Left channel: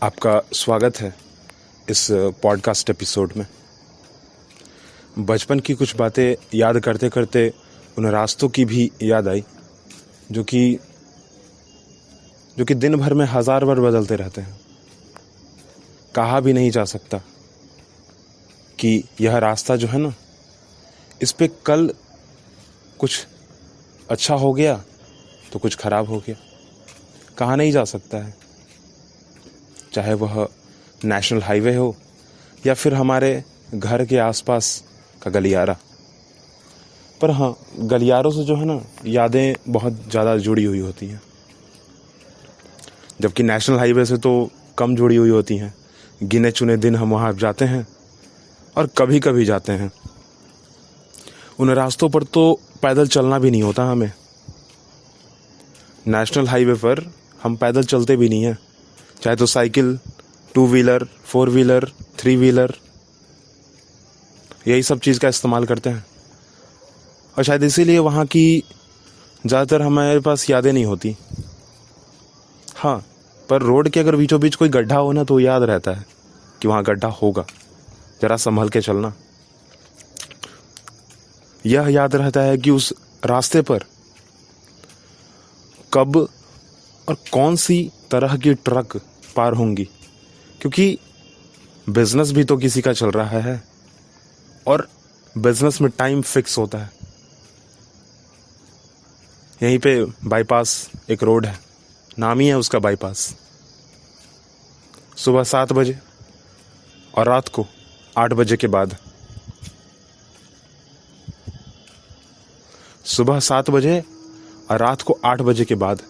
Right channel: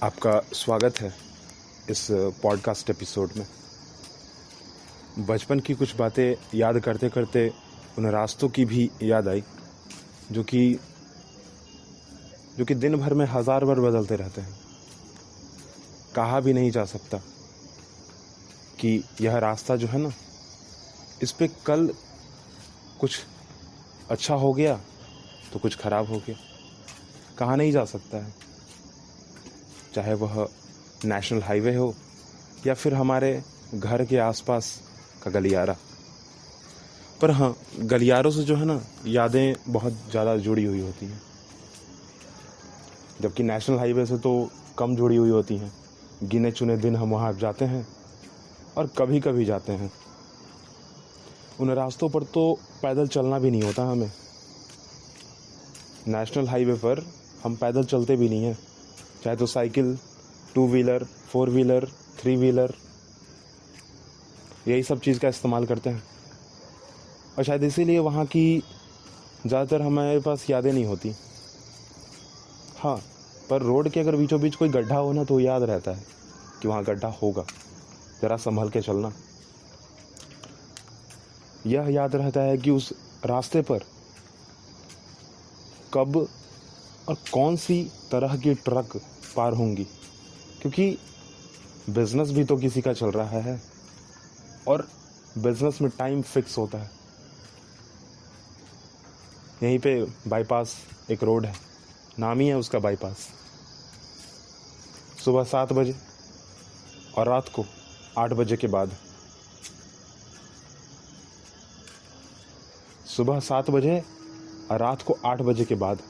आपका स्वागत है इस पॉडकास्ट एपिसोड में। बचपन की कुछ बातें याद करते करते उन रास्तों की भी याद आई जो कि दिन भर में हज़ार बार बदलते रहते हैं। कहा भी नहीं जा सकता कि यह रास्ता जो है ना, इस पे कल कुछ अच्छा हो गया तो कुछ ख़राब हो गया। कहा नहीं जा सकता है, चाहे वह नेशनल हाईवे हो या फिर हमारे घर के आसपास का गलियारा। पर हाँ, गलियारों से जो है ना, यादें बहुत ज़्यादा जुड़ी हुई होती हैं, जबकि नेशनल हाईवे से तो कम जुड़ी हुई होती हैं। गिने चुने दिन हम वहाँ जाते हैं और कभी कभी जाते हैं। उन रास्तों पर तो पैदल चलना भी नहीं होता हमें। नेशनल हाईवे पर हम पैदल चलते भी नहीं हैं, चाहे तो साइकिल, 2 व्हीलर, 4 व्हीलर, 3 व्हीलर, यही सब चीज़ का इस्तेमाल करते हैं। और शायद इसीलिए वहाँ की ज़्यादातर हमारे पास यादें नहीं होती। हाँ, पर रोड के अगर बीचों बीच कोई गड्ढा हो ना, तो याद रहता है कि वहाँ गड्ढा होगा, ज़रा संभल के चलना। यह याद रहता है कि उस रास्ते पर कब और कौन सी तरह की ट्रक पार होंगी, क्योंकि बिजनेस भी तो किसी का चल रहा है और बिजनेस में टाइम फिक्स होता है। यहीं पे बाईपास एक रोड है, नाम ही है उसका बाईपास। सुबह 7 बजे और रात को 8 बजे के बाद। सुबह 7 बजे और रात को 8 बजे के बाद।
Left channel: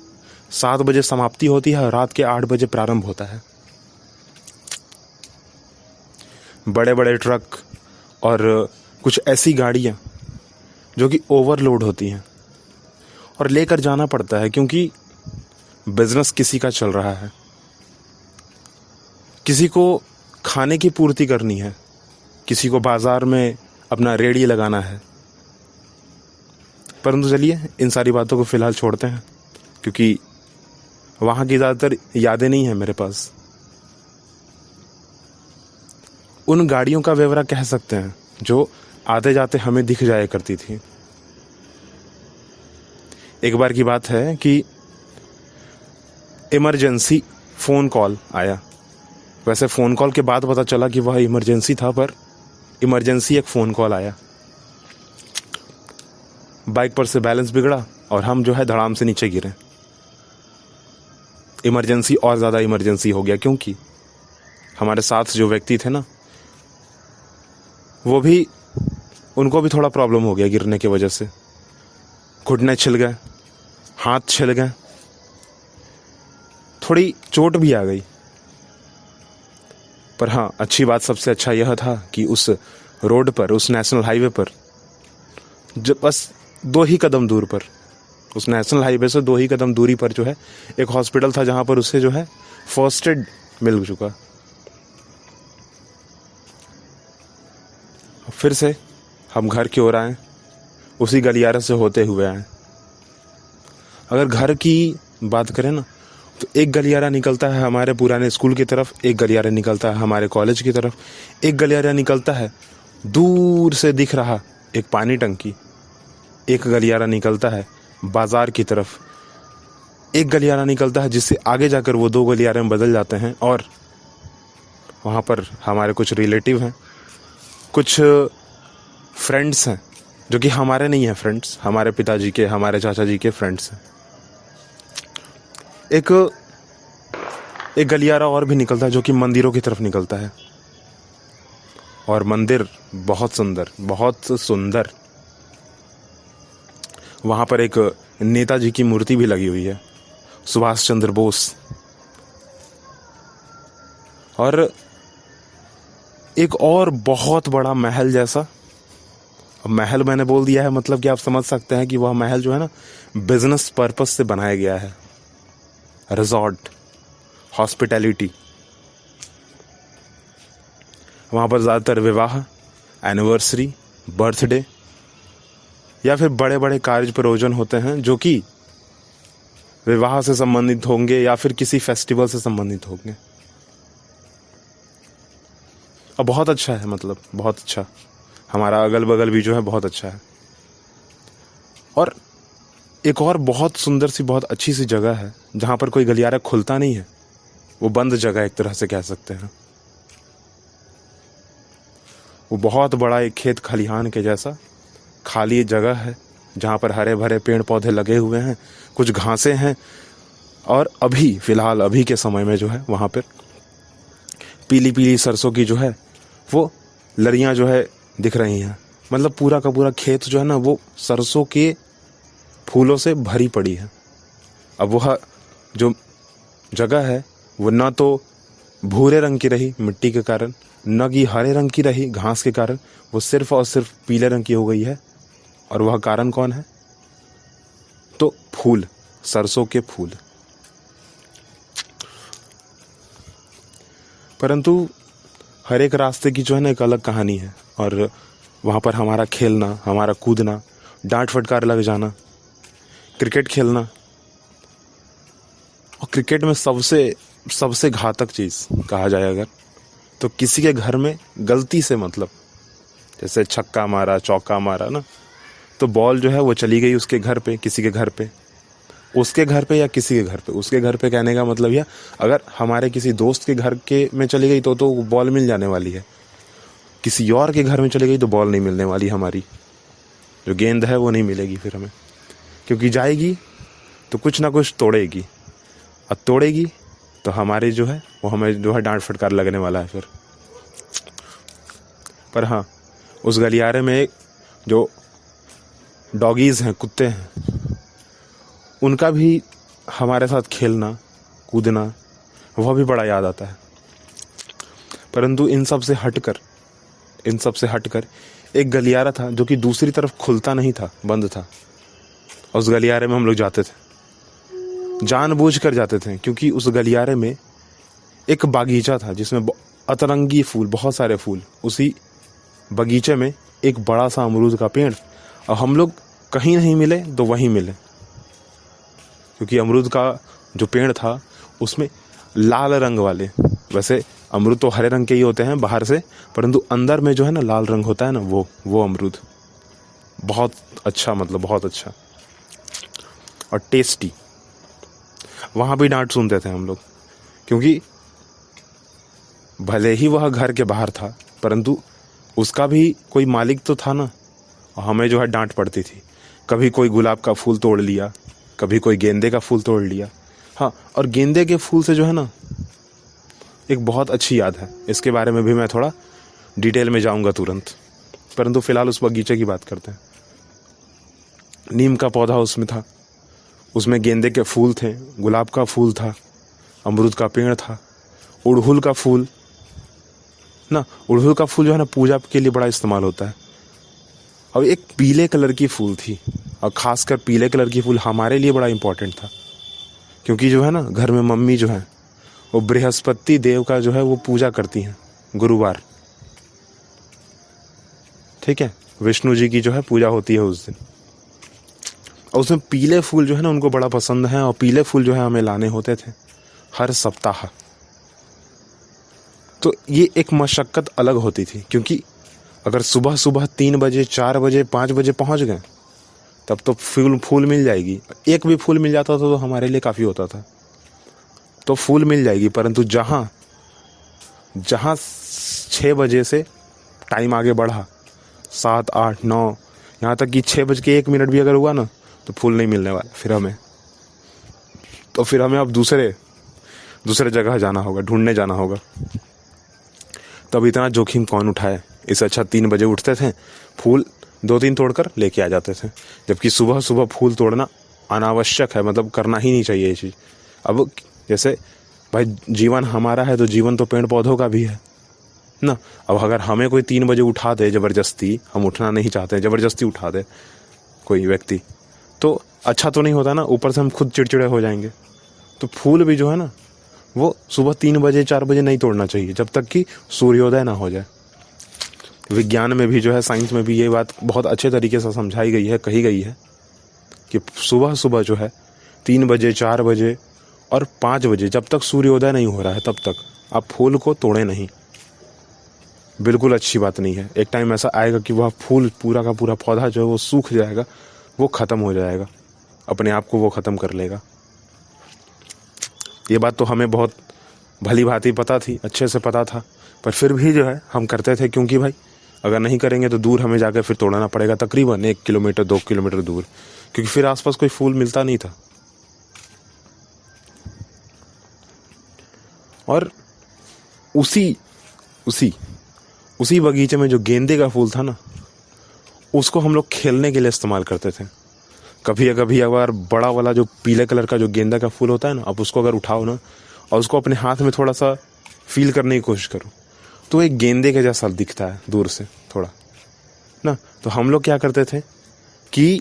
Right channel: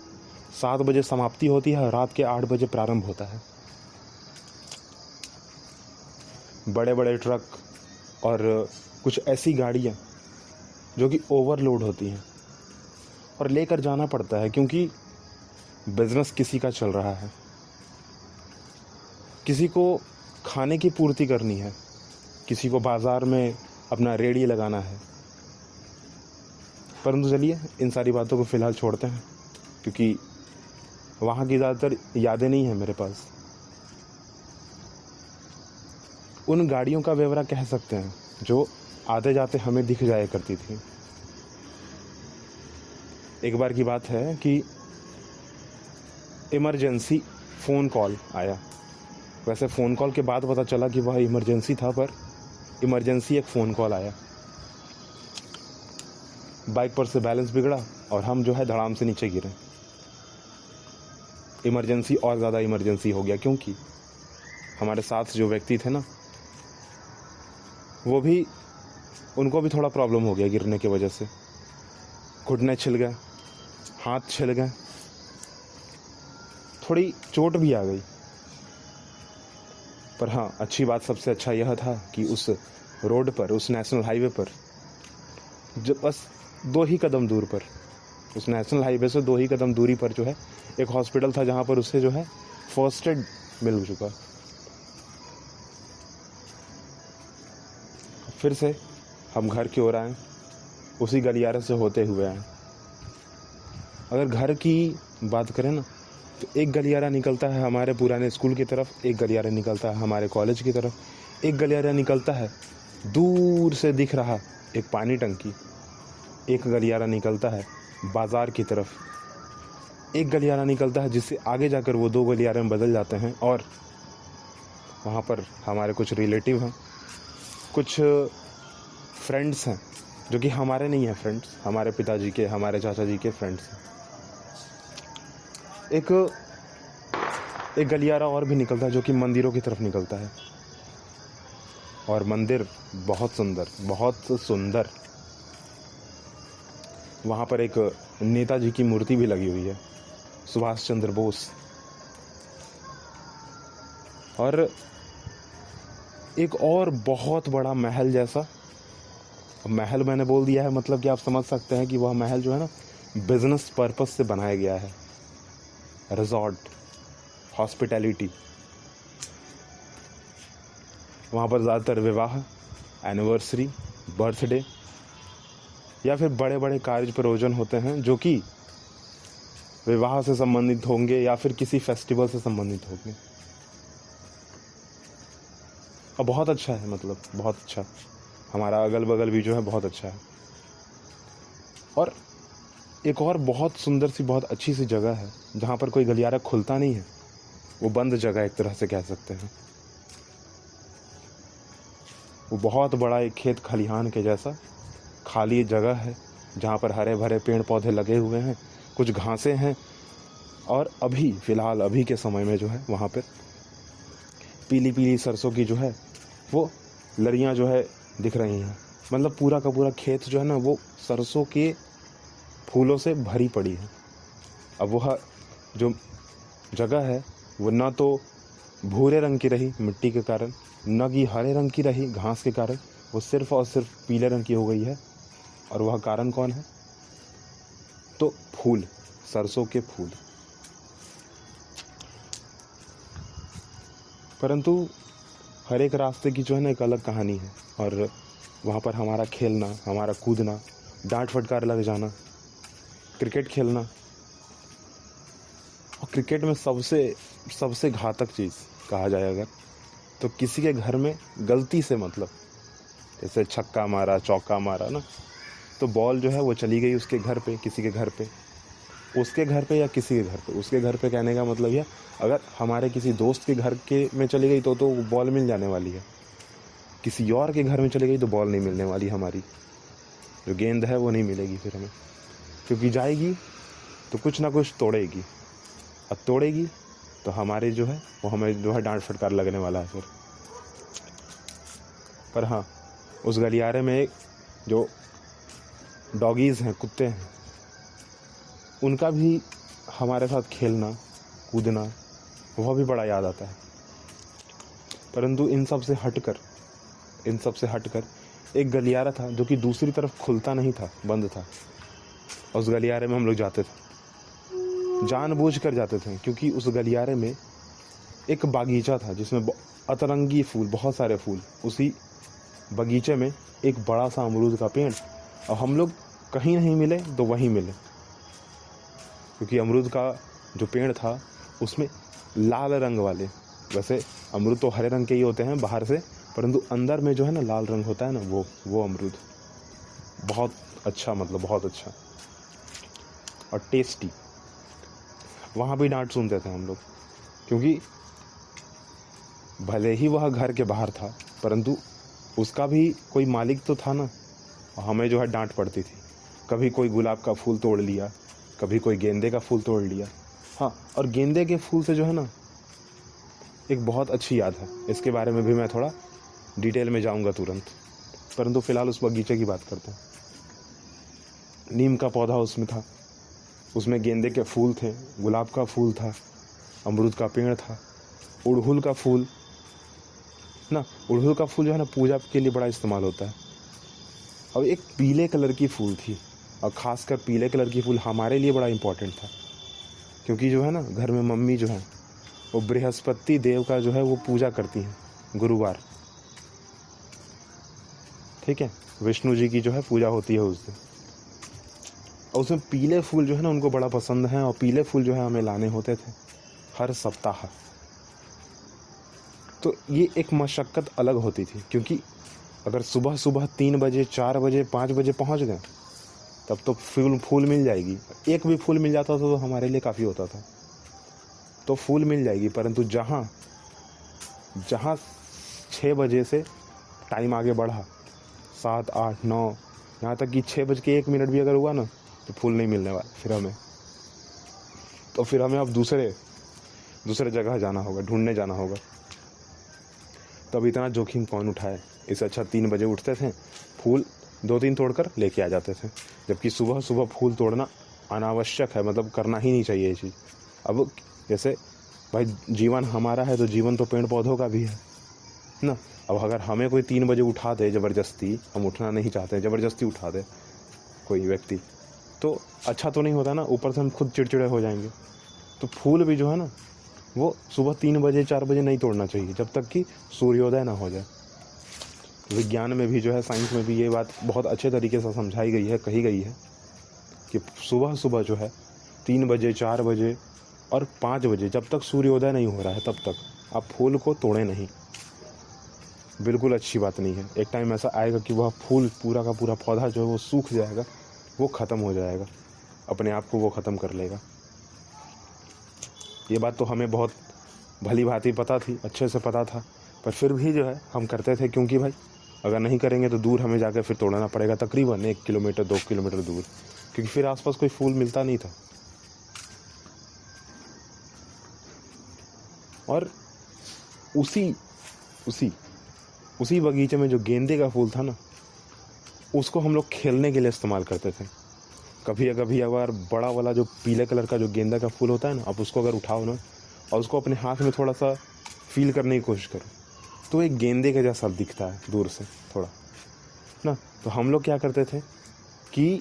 7 बजे समाप्ति होती है और रात के 8 बजे प्रारंभ होता है। बड़े बड़े ट्रक और कुछ ऐसी गाड़ियाँ जो कि ओवरलोड होती हैं और लेकर जाना पड़ता है, क्योंकि बिजनेस किसी का चल रहा है, किसी को खाने की पूर्ति करनी है, किसी को बाजार में अपना रेड़ी लगाना है। परंतु चलिए, इन सारी बातों को फिलहाल छोड़ते हैं, क्योंकि वहाँ की ज़्यादातर यादें नहीं हैं मेरे पास। उन गाड़ियों का व्यवरा कह सकते हैं जो आते जाते हमें दिख जाया करती थी। एक बार की बात है कि इमरजेंसी फ़ोन कॉल आया। वैसे फ़ोन कॉल के बाद पता चला कि वह इमरजेंसी था, पर इमरजेंसी एक फ़ोन कॉल आया। बाइक पर से बैलेंस बिगड़ा और हम जो है धड़ाम से नीचे गिरे। इमरजेंसी और ज़्यादा इमरजेंसी हो गया, क्योंकि हमारे साथ जो व्यक्ति थे ना, उनको भी थोड़ा प्रॉब्लम हो गया गिरने की वजह से। घुटने छिल गए, हाथ छिल गए, थोड़ी चोट भी आ गई। पर हाँ, अच्छी बात, सबसे अच्छा यह था कि उस रोड पर, उस नेशनल हाईवे पर, जब बस 2 ही कदम दूर पर, उस नेशनल हाईवे से 2 ही कदम दूरी पर जो है एक हॉस्पिटल था, जहाँ पर उसे जो है फर्स्ट एड मिल चुका। फिर से हम घर की ओर आए, उसी गलियारे से होते हुए आए। अगर घर की बात करें ना, तो एक गलियारा निकलता है हमारे पुराने स्कूल की तरफ, एक गलियारा निकलता है हमारे कॉलेज की तरफ, एक गलियारा निकलता है दूर से दिख रहा एक पानी टंकी, एक गलियारा निकलता है बाजार की तरफ, एक गलियारा निकलता है जिससे आगे जाकर वो 2 गलियारे में बदल जाते हैं और वहाँ पर हमारे कुछ रिलेटिव हैं, कुछ फ्रेंड्स हैं जो कि हमारे नहीं हैं फ्रेंड्स, हमारे पिताजी के, हमारे चाचा जी के फ्रेंड्स हैं। एक गलियारा और भी निकलता है जो कि मंदिरों की तरफ निकलता है, और मंदिर बहुत सुंदर, बहुत सुंदर। वहाँ पर एक नेताजी की मूर्ति भी लगी हुई है, सुभाष चंद्र बोस। और एक और बहुत बड़ा महल जैसा, महल मैंने बोल दिया है, मतलब कि आप समझ सकते हैं कि वह महल जो है ना, बिजनेस पर्पस से बनाया गया है। Resort, hospitality. वहाँ पर ज़्यादातर विवाह, एनिवर्सरी, बर्थडे या फिर बड़े बड़े कार्य प्रयोजन होते हैं जो कि विवाह से संबंधित होंगे या फिर किसी फेस्टिवल से संबंधित होंगे। और बहुत अच्छा है, मतलब बहुत अच्छा। हमारा अगल बगल भी जो है बहुत अच्छा है। और एक और बहुत सुंदर सी, बहुत अच्छी सी जगह है जहाँ पर कोई गलियारा खुलता नहीं है, वो बंद जगह एक तरह से कह सकते हैं। वो बहुत बड़ा एक खेत खलिहान के जैसा खाली जगह है जहाँ पर हरे भरे पेड़ पौधे लगे हुए हैं, कुछ घासें हैं, और अभी फ़िलहाल अभी के समय में जो है वहाँ पर पीली पीली सरसों की जो है वो लड़ियाँ जो है दिख रही हैं। मतलब पूरा का पूरा खेत जो है ना वो सरसों के फूलों से भरी पड़ी है। अब वह जो जगह है वो ना तो भूरे रंग की रही मिट्टी के कारण, न कि हरे रंग की रही घास के कारण, वो सिर्फ और सिर्फ पीले रंग की हो गई है। और वह कारण कौन है? तो फूल, सरसों के फूल। परंतु हर एक रास्ते की जो है ना एक अलग कहानी है, और वहाँ पर हमारा खेलना, हमारा कूदना, डांट फटकार लग जाना, क्रिकेट खेलना। और क्रिकेट में सबसे घातक चीज़ कहा जाए अगर, तो किसी के घर में गलती से, मतलब जैसे छक्का मारा, चौका मारा ना, तो बॉल जो है वो चली गई उसके घर पे, किसी के घर पे, उसके घर पे या किसी के घर पे। उसके घर पे कहने का मतलब यह, अगर हमारे किसी दोस्त के घर के में चली गई तो बॉल मिल जाने वाली है। किसी और के घर में चली गई तो बॉल नहीं मिलने वाली, हमारी जो गेंद है वो नहीं मिलेगी फिर हमें, क्योंकि जाएगी तो कुछ ना कुछ तोड़ेगी, और तोड़ेगी तो हमारे जो है वो हमें जो है डांट फटकार लगने वाला है फिर। पर हाँ, उस गलियारे में जो डॉगीज़ हैं, कुत्ते हैं, उनका भी हमारे साथ खेलना कूदना वह भी बड़ा याद आता है। परंतु इन सब से हटकर एक गलियारा था जो कि दूसरी तरफ खुलता नहीं था, बंद था। और उस गलियारे में हम लोग जाते थे, जानबूझ कर जाते थे, क्योंकि उस गलियारे में एक बागीचा था जिसमें अतरंगी फूल, बहुत सारे फूल। उसी बगीचे में एक बड़ा सा अमरूद का पेड़, और हम लोग कहीं नहीं मिले तो वहीं मिले, क्योंकि अमरूद का जो पेड़ था उसमें लाल रंग वाले, वैसे अमरूद तो हरे रंग के ही होते हैं बाहर से, परंतु अंदर में जो है ना लाल रंग होता है ना, वो अमरूद बहुत अच्छा, मतलब बहुत अच्छा और टेस्टी। वहाँ भी डांट सुनते थे हम लोग, क्योंकि भले ही वह घर के बाहर था, परंतु उसका भी कोई मालिक तो था ना, और हमें जो है डांट पड़ती थी। कभी कोई गुलाब का फूल तोड़ लिया, कभी कोई गेंदे का फूल तोड़ लिया। हाँ, और गेंदे के फूल से जो है ना एक बहुत अच्छी याद है, इसके बारे में भी मैं थोड़ा डिटेल में जाऊंगा तुरंत, परंतु फिलहाल उस बगीचे की बात करते हैं। नीम का पौधा उसमें था, उसमें गेंदे के फूल थे, गुलाब का फूल था, अमरूद का पेड़ था, उड़हुल का फूल ना, उड़हुल का फूल जो है ना पूजा के लिए बड़ा इस्तेमाल होता है। और एक पीले कलर की फूल थी, और ख़ासकर पीले कलर की फूल हमारे लिए बड़ा इम्पोर्टेंट था, क्योंकि जो है ना घर में मम्मी जो है वो बृहस्पति देव का जो है वो पूजा करती हैं गुरुवार, ठीक है, विष्णु जी की जो है पूजा होती है उस दिन। और उसमें पीले फूल जो है ना उनको बड़ा पसंद है, और पीले फूल जो है हमें लाने होते थे हर सप्ताह। तो ये एक मशक्क़त अलग होती थी, क्योंकि अगर सुबह सुबह 3 बजे 4 बजे 5 बजे पहुंच गए तब तो फूल मिल जाएगी। एक भी फूल मिल जाता था तो हमारे लिए काफ़ी होता था, तो फूल मिल जाएगी। परंतु जहाँ 6 बजे से टाइम आगे बढ़ा, 7 8 9, यहाँ तक कि 6:01 भी अगर हुआ ना तो फूल नहीं मिलने वाला फिर हमें। तो फिर हमें अब दूसरे जगह जाना होगा, ढूंढने जाना होगा। तब इतना जोखिम कौन उठाए, इससे अच्छा 3 बजे उठते थे, फूल 2-3 तोड़कर लेके आ जाते थे। जबकि सुबह सुबह फूल तोड़ना अनावश्यक है, मतलब करना ही नहीं चाहिए ये चीज़। अब जैसे भाई जीवन हमारा है तो जीवन तो पेड़ पौधों का भी है ना। अब अगर हमें कोई 3 बजे उठा दे ज़बरदस्ती, हम उठना नहीं चाहते, ज़बरदस्ती उठा दे कोई व्यक्ति, तो अच्छा तो नहीं होता ना, ऊपर से हम खुद चिड़चिड़े हो जाएंगे। तो फूल भी जो है ना वो सुबह 3 बजे 4 बजे नहीं तोड़ना चाहिए, जब तक कि सूर्योदय ना हो जाए। विज्ञान में भी जो है, साइंस में भी ये बात बहुत अच्छे तरीके से समझाई गई है, कही गई है कि सुबह सुबह जो है 3 बजे 4 बजे और 5 बजे, जब तक सूर्योदय नहीं हो रहा है तब तक आप फूल को तोड़ें नहीं। बिल्कुल अच्छी बात नहीं है। एक टाइम ऐसा आएगा कि वह फूल पूरा का पूरा पौधा जो है वो सूख जाएगा, वो ख़त्म हो जाएगा, अपने आप को वो ख़त्म कर लेगा। ये बात तो हमें बहुत भली भांति पता थी, अच्छे से पता था, पर फिर भी जो है हम करते थे, क्योंकि भाई अगर नहीं करेंगे तो दूर हमें जाकर फिर तोड़ना पड़ेगा, तकरीबन 1 किलोमीटर 2 किलोमीटर दूर, क्योंकि फिर आसपास कोई फूल मिलता नहीं था। और उसी उसी उसी बगीचे में जो गेंदे का फूल था ना, उसको हम लोग खेलने के लिए इस्तेमाल करते थे। कभी कभी अगर बड़ा वाला जो पीले कलर का जो गेंदा का फूल होता है ना, आप उसको अगर उठाओ ना और उसको अपने हाथ में थोड़ा सा फील करने की कोशिश करो, तो एक गेंदे के जैसा दिखता है दूर से थोड़ा ना। तो हम लोग क्या करते थे कि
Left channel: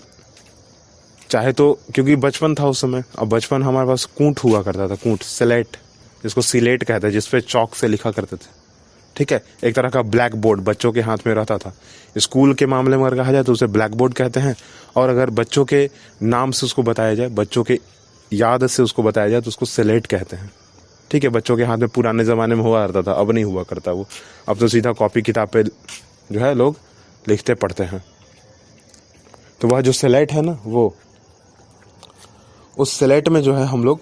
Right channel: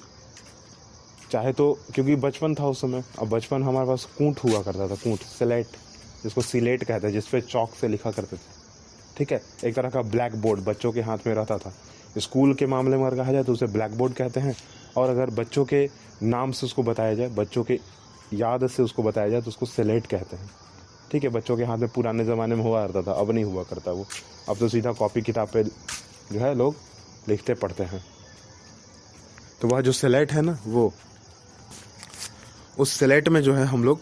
चाहे तो, क्योंकि बचपन था उस समय, अब बचपन हमारे पास कूट हुआ करता था, कूट, स्लेट, जिसको सिलेट कहते हैं, जिसपे चौक से लिखा करते थे, ठीक है, एक तरह का ब्लैक बोर्ड बच्चों के हाथ में रहता था। स्कूल के मामले में अगर कहा जाए तो उसे ब्लैक बोर्ड कहते हैं, और अगर बच्चों के नाम से उसको बताया जाए, बच्चों के याद से उसको बताया जाए तो उसको स्लेट कहते हैं, ठीक है। बच्चों के हाथ में पुराने ज़माने में हुआ करता था, अब नहीं हुआ करता वो, अब तो सीधा कॉपी किताब पे जो है लोग लिखते पढ़ते हैं। तो वह जो स्लेट है ना, वो उस स्लेट में जो है हम लोग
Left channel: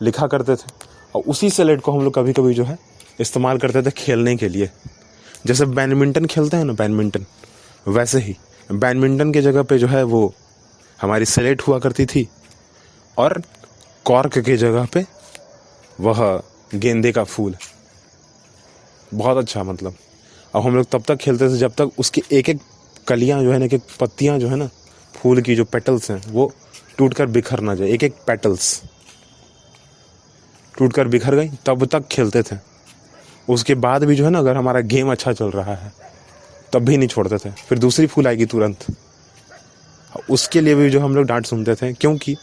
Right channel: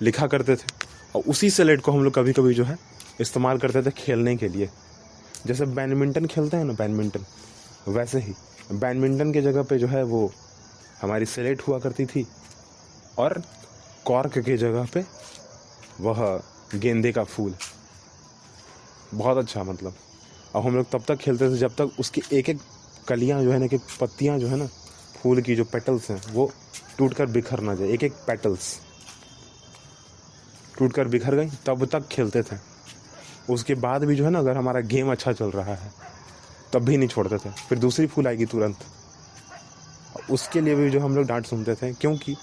लिखा करते थे, और उसी स्लेट को हम लोग कभी कभी जो है इस्तेमाल करते थे खेलने के लिए। जैसे बैडमिंटन खेलते हैं ना, बैडमिंटन, वैसे ही बैडमिंटन की जगह पे जो है वो हमारी स्लेट हुआ करती थी, और कॉर्क की जगह पे वह गेंदे का फूल। बहुत अच्छा, मतलब अब हम लोग तब तक खेलते थे जब तक उसकी एक एक कलियां जो है ना, एक एक पत्तियां जो है ना, फूल की जो पेटल्स हैं वो टूट कर बिखर ना जाए। एक एक पेटल्स टूट कर बिखर गई तब तक खेलते थे। उसके बाद भी जो है ना, अगर हमारा गेम अच्छा चल रहा है तब भी नहीं छोड़ते थे, फिर दूसरी फूल आएगी तुरंत, उसके लिए भी जो हम लोग डांट सुनते थे, क्योंकि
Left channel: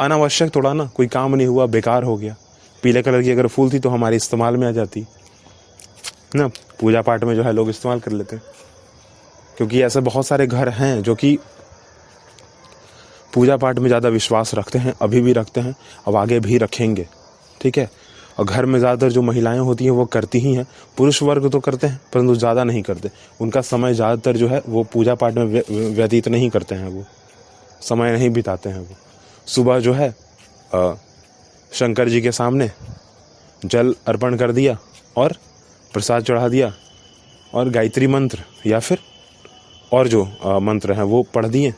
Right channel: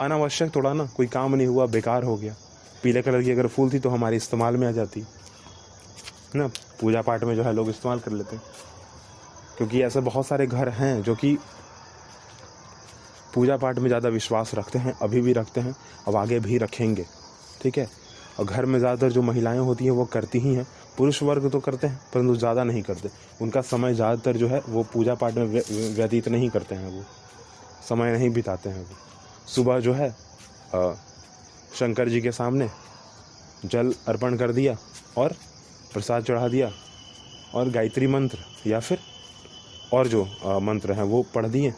अनावश्यक थोड़ा ना, कोई काम नहीं हुआ, बेकार हो गया। पीले कलर की अगर फूल थी तो हमारे इस्तेमाल में आ जाती ना, पूजा पाठ में जो है लोग इस्तेमाल कर लेते हैं। क्योंकि ऐसे बहुत सारे घर हैं जो कि पूजा पाठ में ज़्यादा विश्वास रखते हैं, अभी भी रखते हैं, अब आगे भी रखेंगे, ठीक है। और घर में ज़्यादातर जो महिलाएं होती हैं वो करती ही हैं, पुरुष वर्ग तो करते हैं परंतु ज़्यादा नहीं करते। उनका समय ज़्यादातर जो है वो पूजा पाठ में व्यतीत नहीं करते हैं, वो समय नहीं बिताते हैं। वो सुबह जो है शंकर जी के सामने जल अर्पण कर दिया और प्रसाद चढ़ा दिया, और गायत्री मंत्र या फिर और जो मंत्र हैं वो पढ़ दिए।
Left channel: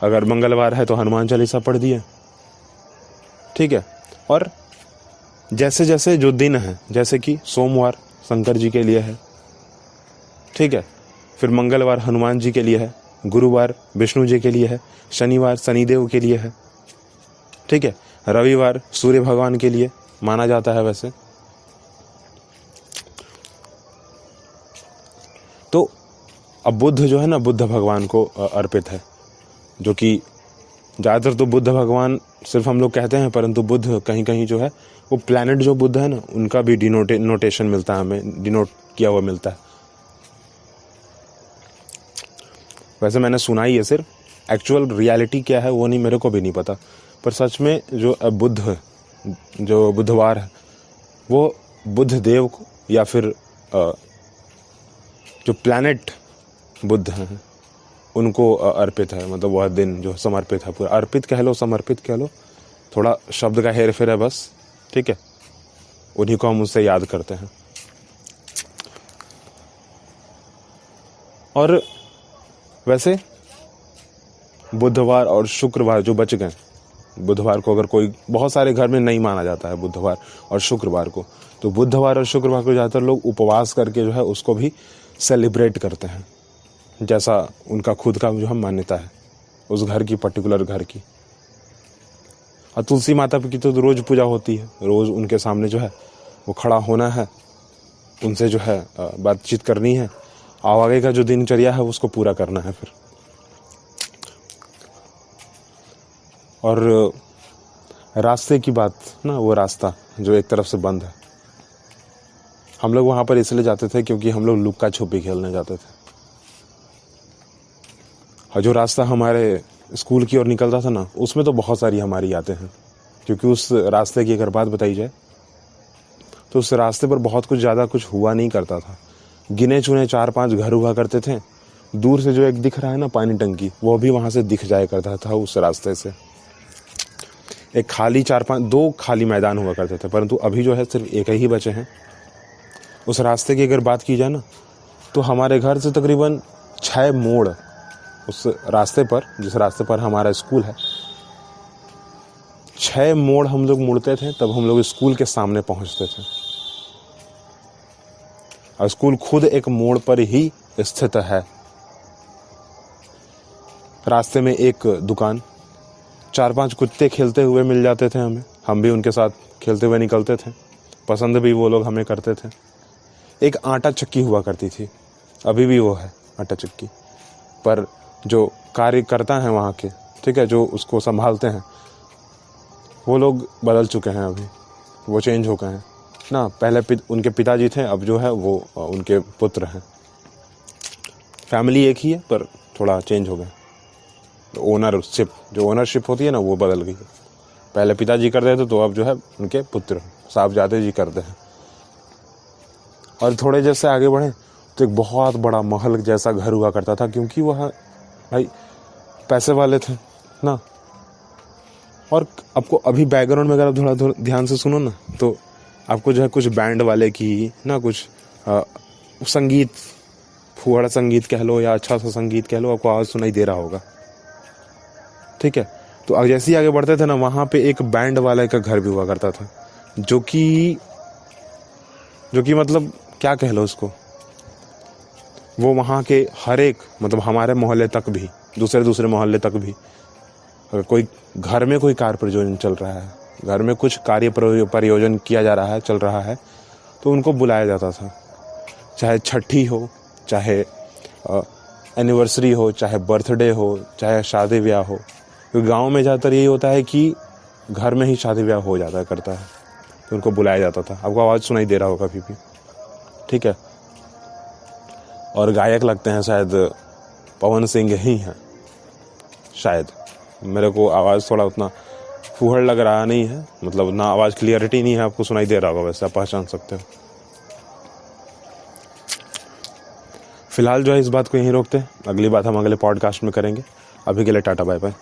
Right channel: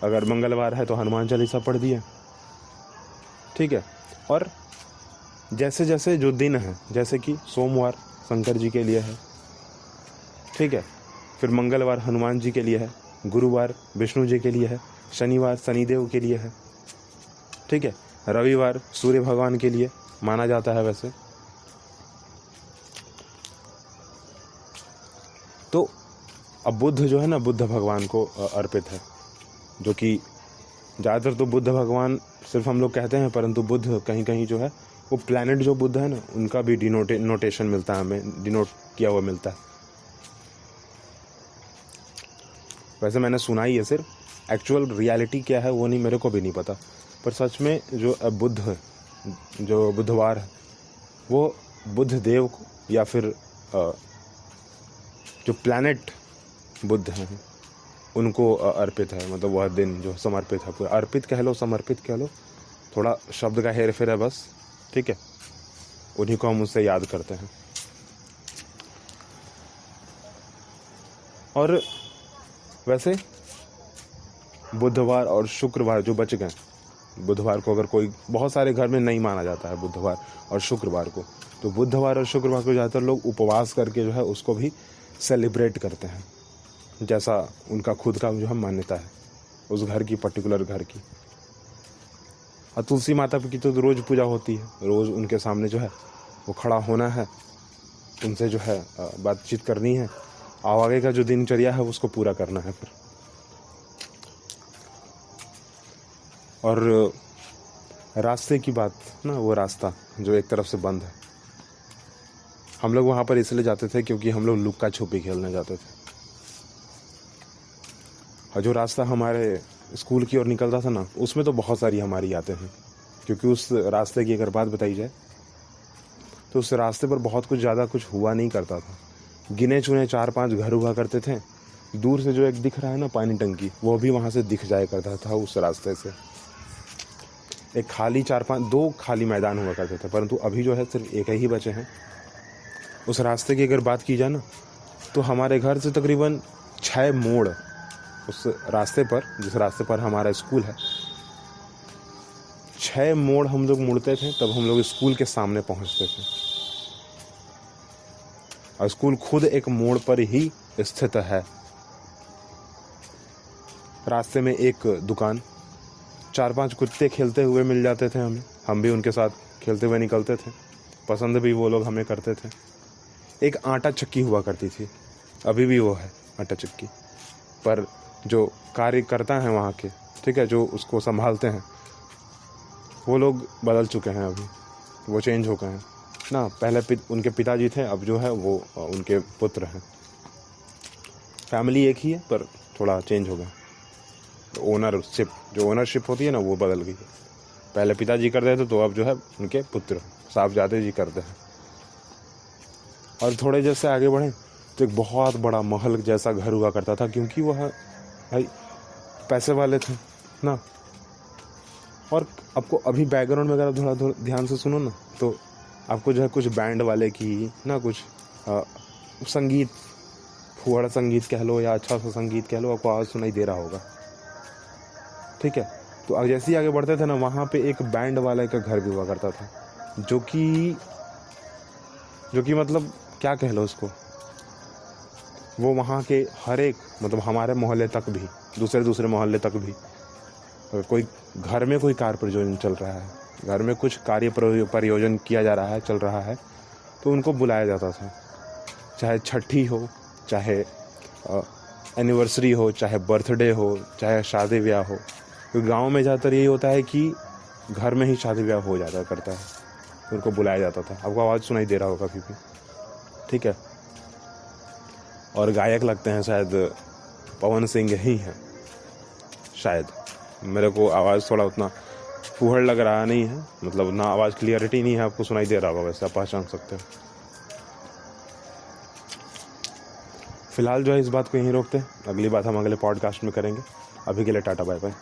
अगर मंगलवार है तो हनुमान चालीसा पढ़ दिए, ठीक है। और जैसे जैसे जो दिन है, जैसे कि सोमवार शंकर जी के लिए है, ठीक है, फिर मंगलवार हनुमान जी के लिए है, गुरुवार विष्णु जी के लिए है, शनिवार शनिदेव के लिए है, ठीक है, रविवार सूर्य भगवान के लिए माना जाता है वैसे। तो अब बुध जो है ना, बुद्ध भगवान को अर्पित है, जो कि ज़्यादातर तो बुद्ध भगवान सिर्फ हम लोग कहते हैं, परंतु बुद्ध कहीं कहीं जो है वो प्लैनेट जो बुद्ध है ना, उनका भी नोटेशन मिलता है हमें, डिनोट किया हुआ मिलता है। वैसे मैंने सुना ही है, सिर्फ एक्चुअल रियलिटी क्या है वो नहीं, मेरे को भी नहीं पता, पर सच में जो बुद्ध, जो बुधवार है वो बुद्ध देव को या फिर जो प्लैनेट बुद्ध हैं उनको अर्पित है। मतलब वह दिन जो समर्पित है, पूरा अर्पित कह लो, समर्पित कह लो, थोड़ा शब्द का हेर फेर है बस, ठीक है। उन्हीं को हम उससे याद करते हैं। और वैसे बुधवार और शुक्रवार जो बच गए, बुधवार को अगर कोई, बहुत सारे घर में नहीं माना जाता है बुधवार और शुक्रवार को, तो बुधवार और शुक्रवार को ज़्यादातर लोग उपवास करके जो है उसको भी सेलिब्रेट करते हैं, जैसा उनका खुद का जो है मान्यता है उस घर की, पर्टिकुलर घर की। और तुलसी माता की तो रोज़ पूजा होती है, रोज़ उनके सामने जो है वो खड़ा होना है, उनसे जो है बातचीत करनी है, और आगे का जो दिनचर्या है उसको पूरा करना है फिर। और रास्ते की बात ना, वो रास्ता जो एक तरफ से बंद है, हम लोग वहाँ पर इसलिए जाते थे क्योंकि हम लोग लुक्का छुपी खेलने जाते थे। और जो रास्ता हमारे स्कूल की ओर निकलता था ना, उसमें तो बहुत सारी हमारी यादें हैं, क्योंकि उस रास्ते की अगर बात बताई जाए तो उस रास्ते पर बहुत कुछ ज़्यादा कुछ हुआ नहीं करता था। गिने चुने 4-5 घर हुआ करते थे। दूर से जो एक दिख रहा है ना पानी टंकी, वो भी वहाँ से दिख जाया करता था उस रास्ते से। एक खाली 2 खाली मैदान हुआ करते थे, परंतु अभी जो है सिर्फ एक ही बचे हैं। उस रास्ते की अगर बात की जाए ना, तो हमारे घर से तकरीबन 6 मोड़ उस रास्ते पर, जिस रास्ते पर हमारा स्कूल है, 6 मोड़ हम लोग मुड़ते थे, तब हम लोग स्कूल के सामने पहुंचते थे। और स्कूल खुद एक मोड़ पर ही स्थित है। रास्ते में एक दुकान, 4-5 कुत्ते खेलते हुए मिल जाते थे हमें, हम भी उनके साथ खेलते हुए निकलते थे, पसंद भी वो लोग हमें करते थे। एक आटा चक्की हुआ करती थी, अभी भी वो है आटा चक्की, पर जो कार्यकर्ता हैं वहाँ के, ठीक है, जो उसको संभालते हैं, वो लोग बदल चुके हैं, अभी वो चेंज हो गए हैं ना। पहले उनके पिताजी थे, अब जो है वो उनके पुत्र हैं। फैमिली एक ही है पर थोड़ा चेंज हो गया। जो ओनरशिप होती है ना, वो बदल गई है। पहले पिताजी करते थे, तो अब जो है उनके पुत्र साहबजादे जी करते हैं। और थोड़े जैसे आगे बढ़े तो एक बहुत बड़ा महल जैसा घर हुआ करता था, क्योंकि वह भाई पैसे वाले थे ना। और आपको अभी बैकग्राउंड में अगर थोड़ा ध्यान से सुनो ना, तो आपको जो है कुछ बैंड वाले की ना, कुछ संगीत, फुहाड़ा संगीत कह लो या अच्छा सा संगीत कह लो, आपको आवाज़ सुनाई दे रहा होगा, ठीक है। तो अब जैसे ही आगे बढ़ते थे ना, वहाँ पे एक बैंड वाले का घर भी हुआ करता था, जो कि मतलब क्या कह लो उसको, वो वहाँ के हर एक, मतलब हमारे मोहल्ले तक भी, दूसरे मोहल्ले तक भी, अगर कोई घर में कोई कार्य प्रयोजन चल रहा है, घर में कुछ कार्य प्रयोजन किया जा रहा है, चल रहा है, तो उनको बुलाया जाता था। चाहे छठी हो, चाहे एनिवर्सरी हो, चाहे बर्थडे हो, चाहे शादी ब्याह हो। तो गांव में ज़्यादातर यही होता है कि घर में ही शादी ब्याह हो जाता करता है, तो उनको बुलाया जाता था। आपको आवाज़ सुनाई दे रहा होगा अभी भी, ठीक है। और गायक लगते हैं शायद पवन सिंह ही हैं शायद, मेरे को आवाज़ थोड़ा उतना फूहड़ लग रहा नहीं है, मतलब ना आवाज़ क्लियरिटी नहीं है, आपको सुनाई दे रहा होगा, वैसे आप पहचान सकते हैं। फिलहाल जो है इस बात को यहीं रोकते हैं, अगली बात हम अगले पॉडकास्ट में करेंगे। अभी के लिए टाटा बाय बाय।